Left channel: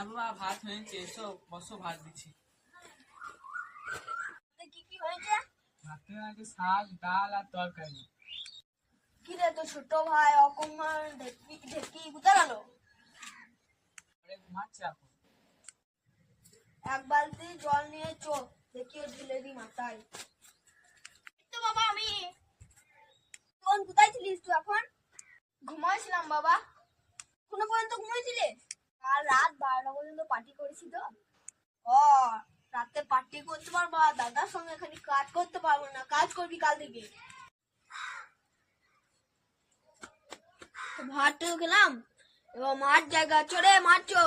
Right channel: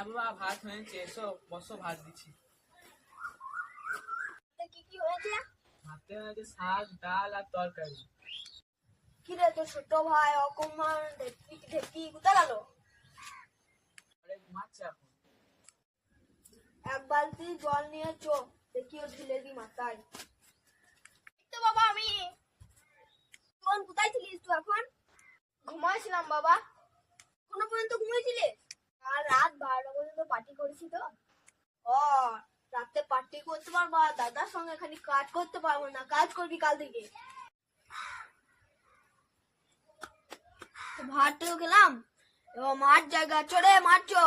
হ্যাঁ বাবা, ভাত হয়েছে, এসো বসো, ভাত দিচ্ছি। কি কি হয়েছে? ভাতে হয়েছে শাক, ডাল আর তরকারি। কি রে তোর ছোট ভাই অকুমার ঢেকি কোথায় গেল? ঘুমাচ্ছে এখন। এক বালতি জল নিয়ে চো, দেখি ও ঢেলে দি মাথায়। তো বাবা আমি কোন কোথায় ছিলিস তুই এখন? ঘুমাইছিলাম বাবা। এখনো পর্যন্ত ঘুমিয়েছিলিস? আর রাত 12টা পর্যন্ত পার্টি করেছি তো। ও, রাতে পার্টি করতে পারবো আর দাদার সঙ্গে খালি কাজ করতে পারবো না। কাজ করবি কাল থেকে। ভাতও খেলাম, এবার মাঠ জায়গা চড়ে মাঠ চো।